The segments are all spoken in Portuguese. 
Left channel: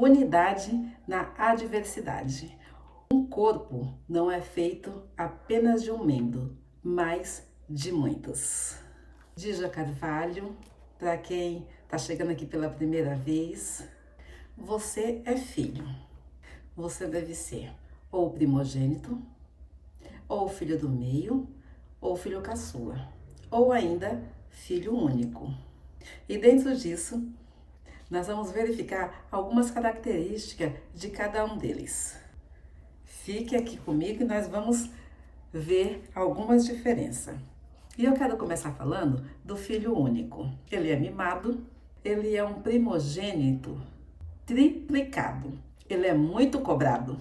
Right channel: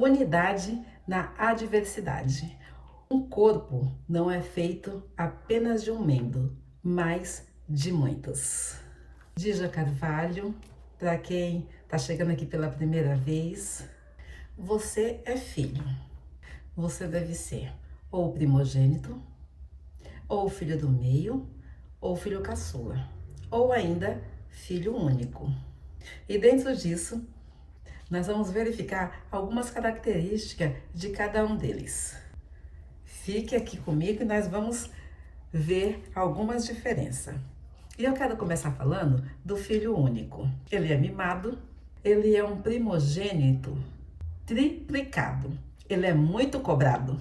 Unidade na adversidade. Um corpo não é feito apenas de um membro, mas de muitos. Dija Carvalho, para quem está chegando aqui pela primeira vez, você é filho. Você deve ser ou primogênito, ou filho do meio, ou filho caçula, ou ainda filho único. E dentro disso, nós vamos verificar algumas características de cada um deles. Fique aqui comigo e nós vamos ver algumas diferenças. E eu quero começar falando do filho único. Ele é mimado, ele é um primogênito triplicado, ele é muito cobrado.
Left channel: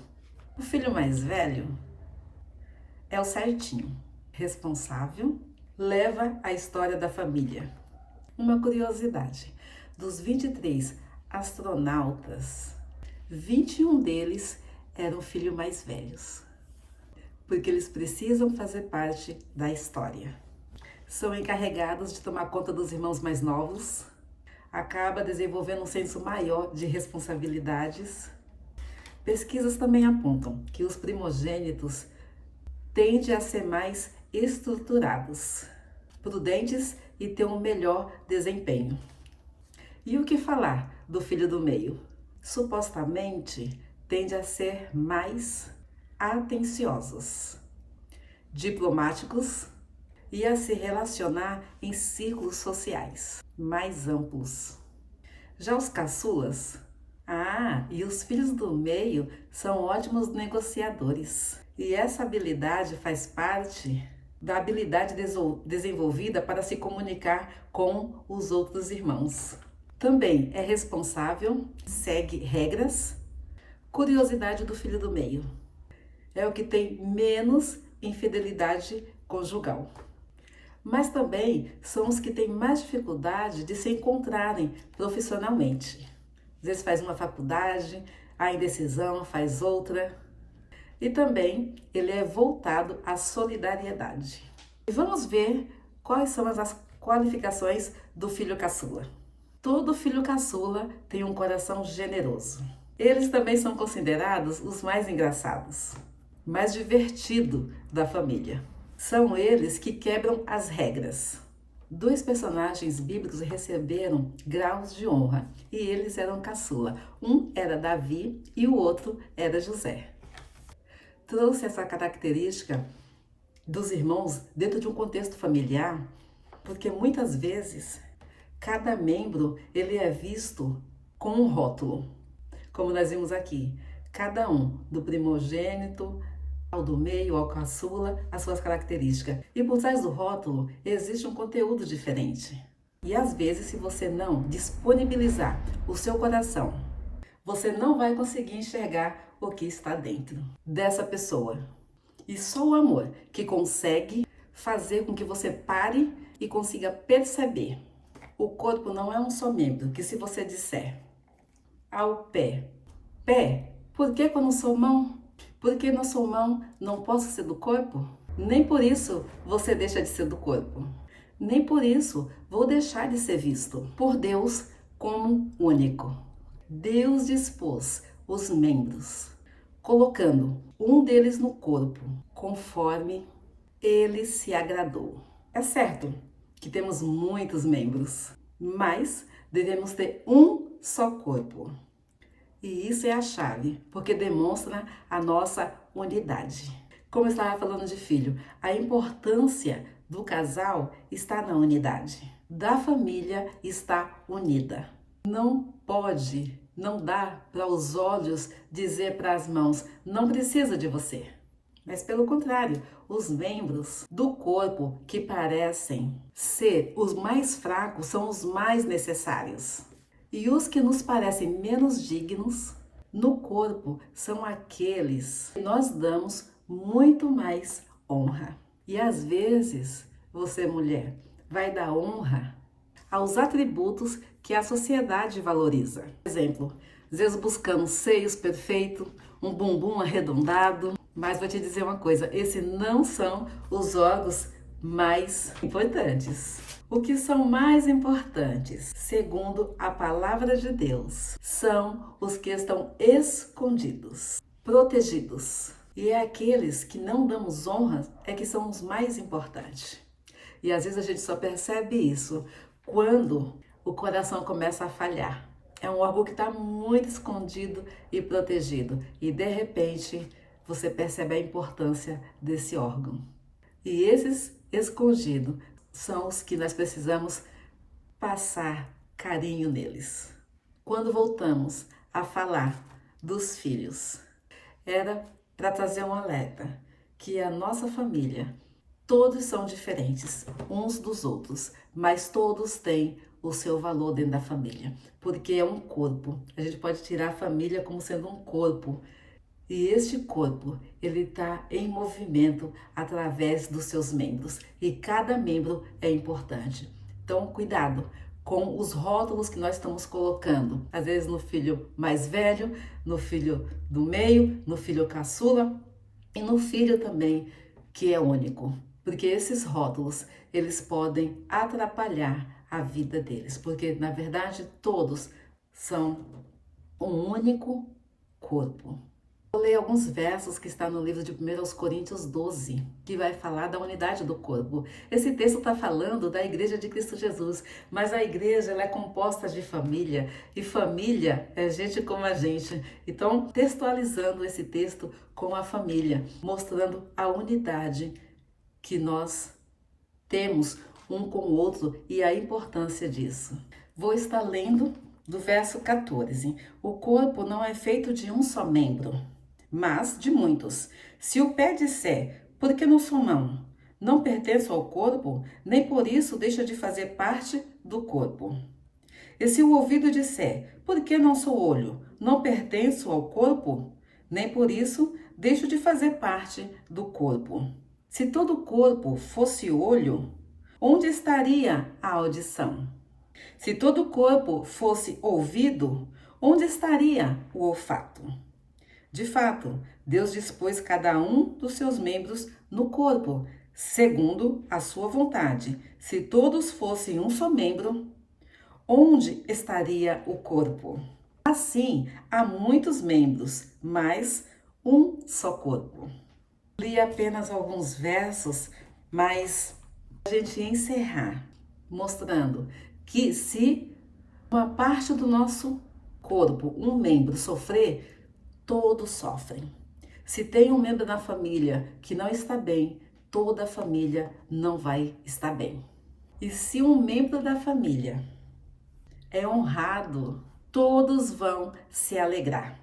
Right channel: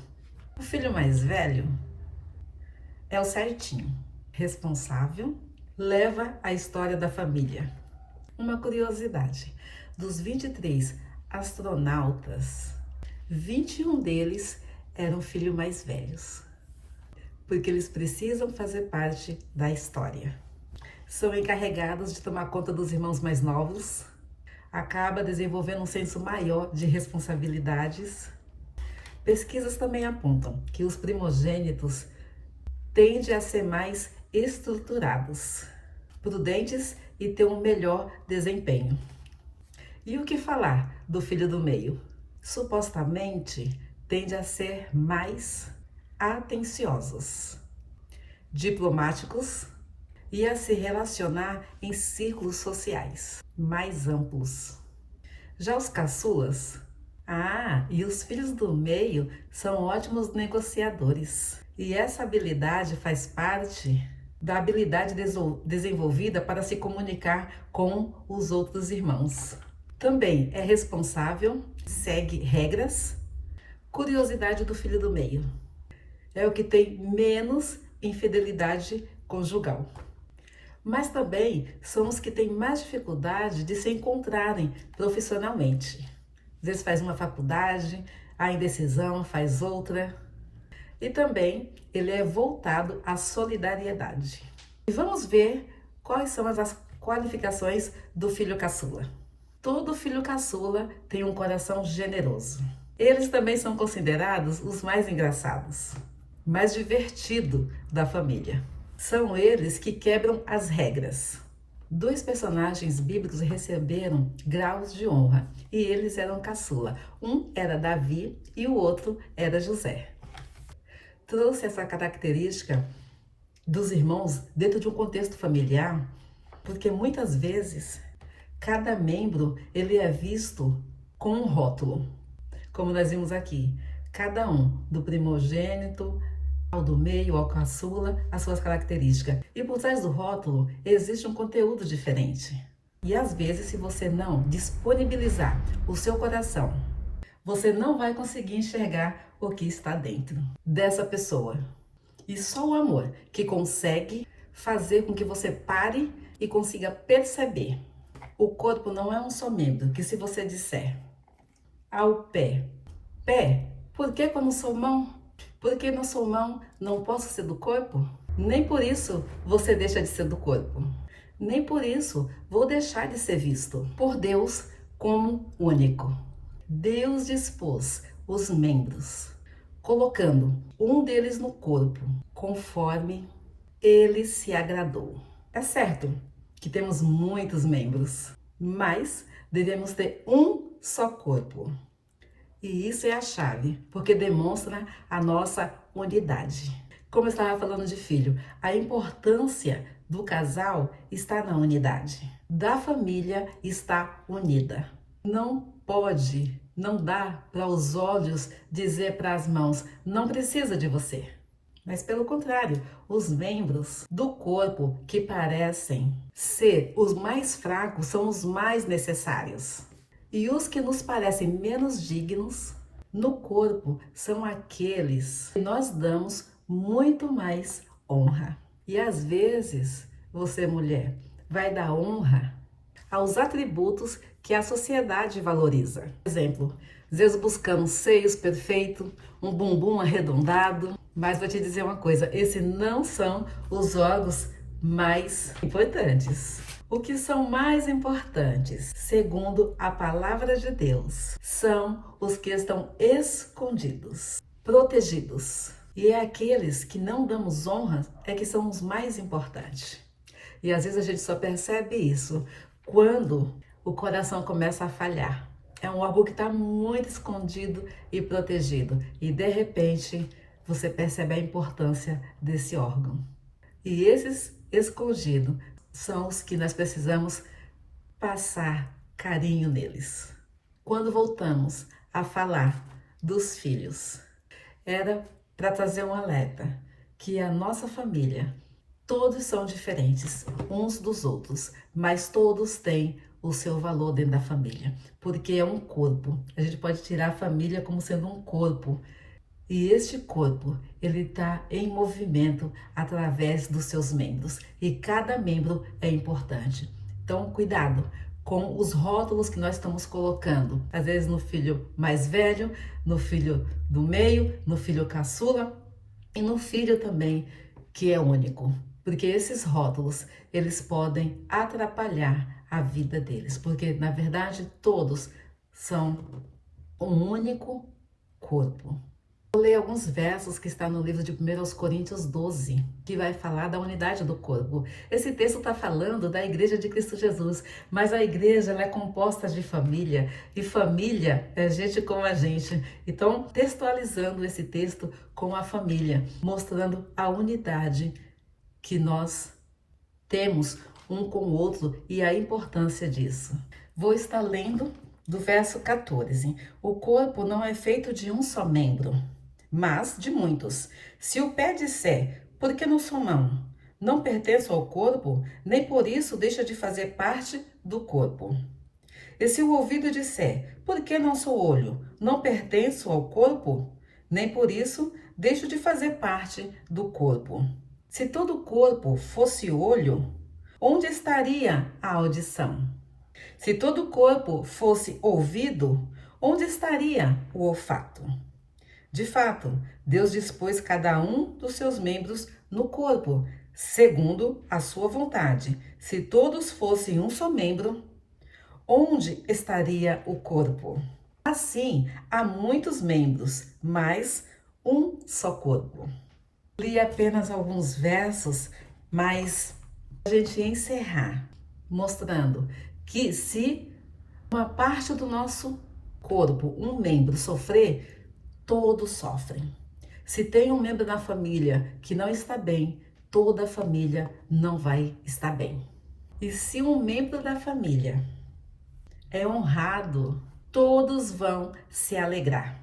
O filho mais velho é o certinho, responsável, leva a história da família. Uma curiosidade, dos 23 astronautas, 21 deles eram filhos mais velhos, porque eles precisam fazer parte da história. São encarregados de tomar conta dos irmãos mais novos, acaba desenvolvendo um senso maior de responsabilidades. Pesquisas também apontam que os primogênitos tendem a ser mais estruturados, prudentes e ter um melhor desempenho. E o que falar do filho do meio? Supostamente tende a ser mais atenciosos, diplomáticos e a se relacionar em círculos sociais mais amplos. Já os caçulas, e os filhos do meio são ótimos negociadores. E essa habilidade faz parte da habilidade desenvolvida para se comunicar com os outros irmãos. Também é responsável, segue regras. Curiosidade do filho do meio: é o que tem menos infidelidade conjugal. Mas também são os que têm mais dificuldade de se encontrarem profissionalmente. Às vezes faz uma faculdade, a indecisão, faz outra. E também ele é voltado à solidariedade. E vamos ver quais são as qualificações do filho caçula. Todo filho caçula tem um coração generoso. Eles também são considerados os mais engraçados, mais divertidos da família. São eles que quebram as regras. 2 personagens bíblicos receberam graus de honra e eles eram caçula. Um era Davi e o outro era José. Trouxe essa característica dos irmãos dentro de um contexto familiar, porque muitas vezes cada membro ele é visto com um rótulo, como nós vimos aqui, cada um, do primogênito ao do meio, ao caçula, as suas características. E por trás do rótulo existe um conteúdo diferente. E às vezes, se você não disponibilizar o seu coração, você não vai conseguir enxergar o que está dentro dessa pessoa. E só o amor que consegue fazer com que você pare e consiga perceber. O corpo não é um só membro, que se você disser ao pé, por que eu não sou mão? Porque não sou mão, não posso ser do corpo? Nem por isso você deixa de ser do corpo. Nem por isso vou deixar de ser visto por Deus como único. Deus dispôs os membros, colocando um deles no corpo, conforme ele se agradou. É certo que temos muitos membros, mas devemos ter um só corpo. E isso é a chave, porque demonstra a nossa unidade. Como eu estava falando de filho, a importância do casal está na unidade. Da família está unida. Não dá para os olhos dizer para as mãos, não precisa de você. Mas pelo contrário, os membros do corpo que parecem ser os mais fracos são os mais necessários. E os que nos parecem menos dignos no corpo são aqueles que nós damos muito mais honra. E às vezes, você mulher, vai dar honra aos atributos que a sociedade valoriza. Por exemplo, às vezes buscamos seios perfeitos, um bumbum arredondado, mas vou te dizer uma coisa, esses não são os órgãos mais importantes. O que são mais importantes, segundo a palavra de Deus, são os que estão escondidos, protegidos. E é aqueles que não damos honra é que são os mais importantes. E às vezes a gente só percebe isso quando o coração começa a falhar. É um órgão que está muito escondido e protegido. E de repente você percebe a importância desse órgão. E esses escondidos são os que nós precisamos passar carinho neles. Quando voltamos a falar dos filhos, era para trazer um alerta que a nossa família, todos são diferentes uns dos outros, mas todos têm o seu valor dentro da família, porque é um corpo. A gente pode tirar a família como sendo um corpo. E este corpo, ele está em movimento através dos seus membros. E cada membro é importante. Então, cuidado com os rótulos que nós estamos colocando. Às vezes no filho mais velho, no filho do meio, no filho caçula e no filho também que é único. Porque esses rótulos, eles podem atrapalhar a vida deles. Porque, na verdade, todos são um único corpo. Vou ler alguns versos que está no livro de 1 Coríntios 12, que vai falar da unidade do corpo. Esse texto está falando da Igreja de Cristo Jesus, mas a igreja ela é composta de família, e família é gente como a gente. Então, textualizando esse texto com a família, mostrando a unidade que nós temos um com o outro e a importância disso. Vou estar lendo do verso 14. O corpo não é feito de um só membro, mas de muitos. Se o pé disser, por que não sou mão? Não pertenço ao corpo, nem por isso deixa de fazer parte do corpo. E se o ouvido disser, por que não sou olho? Não pertenço ao corpo, nem por isso deixo de fazer parte do corpo. Se todo o corpo fosse olho, onde estaria a audição? Se todo o corpo fosse ouvido, onde estaria o olfato? De fato, Deus dispôs cada um dos seus membros no corpo, segundo a sua vontade. Se todos fossem um só membro, onde estaria o corpo? Assim, há muitos membros, mas um só corpo. Li apenas alguns versos, mas a gente encerrar mostrando que se uma parte do nosso corpo, um membro sofrer, todos sofrem. Se tem um membro na família que não está bem, toda a família não vai estar bem. E se um membro da família é honrado, todos vão se alegrar.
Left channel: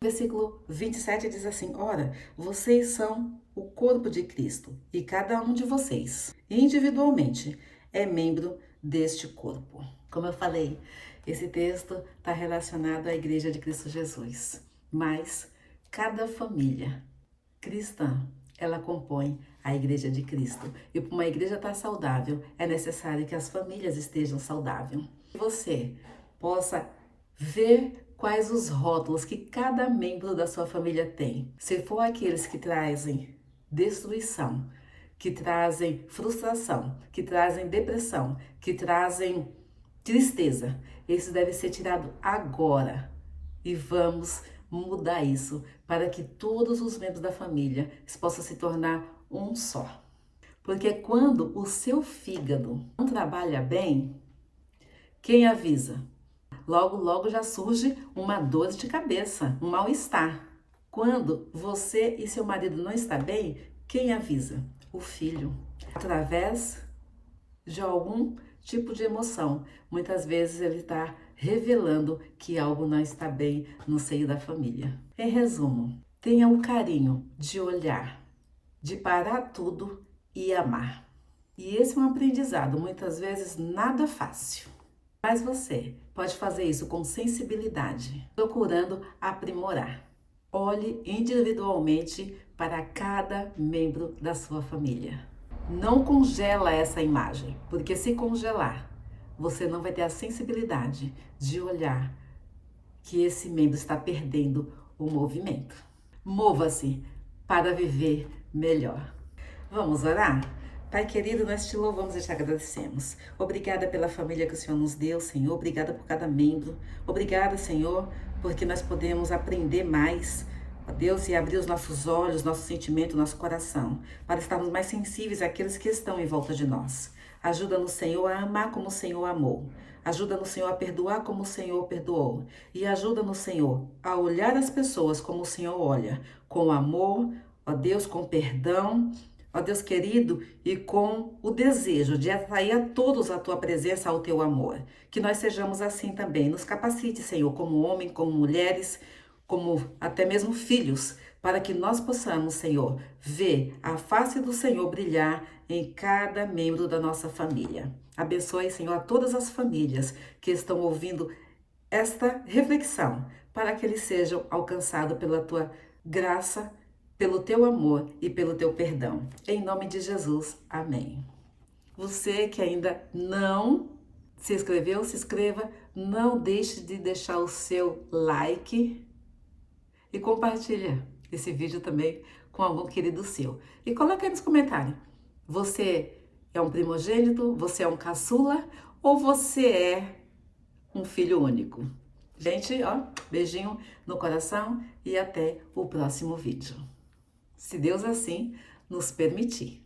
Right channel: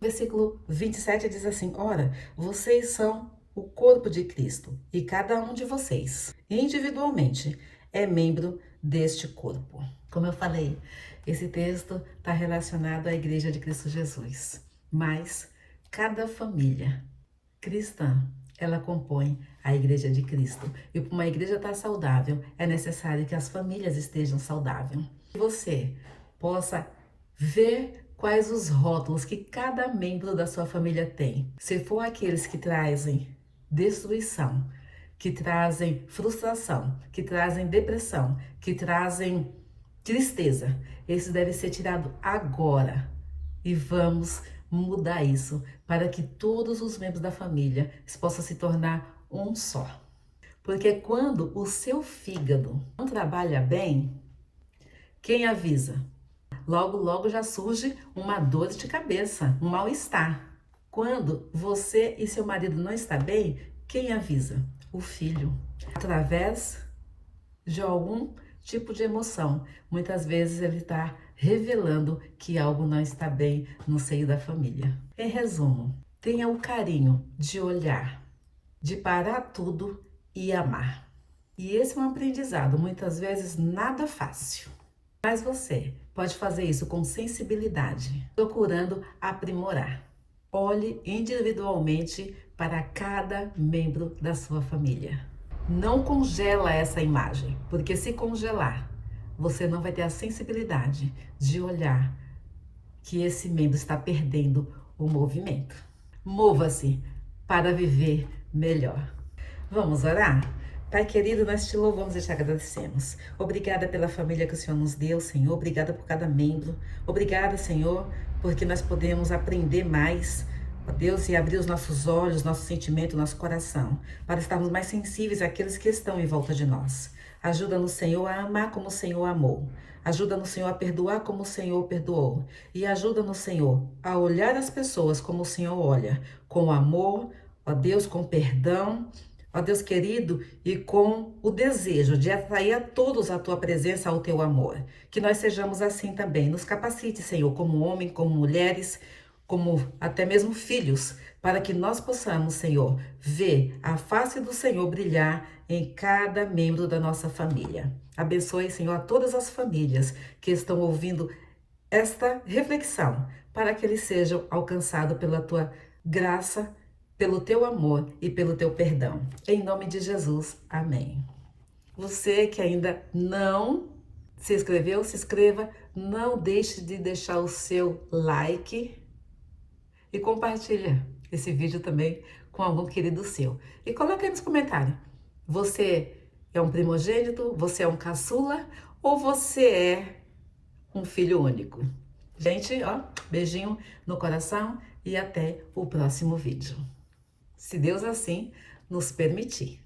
Versículo 27 diz assim: ora, vocês são o corpo de Cristo e cada um de vocês, individualmente, é membro deste corpo. Como eu falei, esse texto está relacionado à Igreja de Cristo Jesus, mas cada família cristã, ela compõe a Igreja de Cristo. E para uma igreja estar saudável, é necessário que as famílias estejam saudáveis. Que você possa ver quais os rótulos que cada membro da sua família tem. Se for aqueles que trazem destruição, que trazem frustração, que trazem depressão, que trazem tristeza, esse deve ser tirado agora. E vamos mudar isso para que todos os membros da família possam se tornar um só. Porque quando o seu fígado não trabalha bem, quem avisa? Logo, logo já surge uma dor de cabeça, um mal-estar. Quando você e seu marido não estão bem, quem avisa? O filho. Através de algum tipo de emoção. Muitas vezes ele está revelando que algo não está bem no seio da família. Em resumo, tenha o carinho de olhar, de parar tudo e amar. E esse é um aprendizado, muitas vezes nada fácil. Mas você pode fazer isso com sensibilidade, procurando aprimorar. Olhe individualmente para cada membro da sua família. Não congela essa imagem, porque se congelar, você não vai ter a sensibilidade de olhar que esse membro está perdendo o movimento. Mova-se para viver melhor. Vamos orar? Pai querido, nós te louvamos e te agradecemos. Obrigada pela família que o Senhor nos deu, Senhor. Obrigada por cada membro. Obrigada, Senhor, porque nós podemos aprender mais, ó Deus, e abrir os nossos olhos, nosso sentimento, nosso coração, para estarmos mais sensíveis àqueles que estão em volta de nós. Ajuda-nos, Senhor, a amar como o Senhor amou. Ajuda-nos, Senhor, a perdoar como o Senhor perdoou. E ajuda-nos, Senhor, a olhar as pessoas como o Senhor olha, com amor, ó Deus, com perdão, ó Deus querido, e com o desejo de atrair a todos a tua presença, ao teu amor. Que nós sejamos assim também. Nos capacite, Senhor, como homem, como mulheres, como até mesmo filhos, para que nós possamos, Senhor, ver a face do Senhor brilhar em cada membro da nossa família. Abençoe, Senhor, a todas as famílias que estão ouvindo esta reflexão, para que eles sejam alcançados pela tua graça, pelo teu amor e pelo teu perdão. Em nome de Jesus, amém. Você que ainda não se inscreveu, se inscreva. Não deixe de deixar o seu like e compartilha esse vídeo também com algum querido seu. E coloca aí nos comentários. Você é um primogênito? Você é um caçula? Ou você é um filho único? Gente, ó, beijinho no coração e até o próximo vídeo. Se Deus assim nos permitir.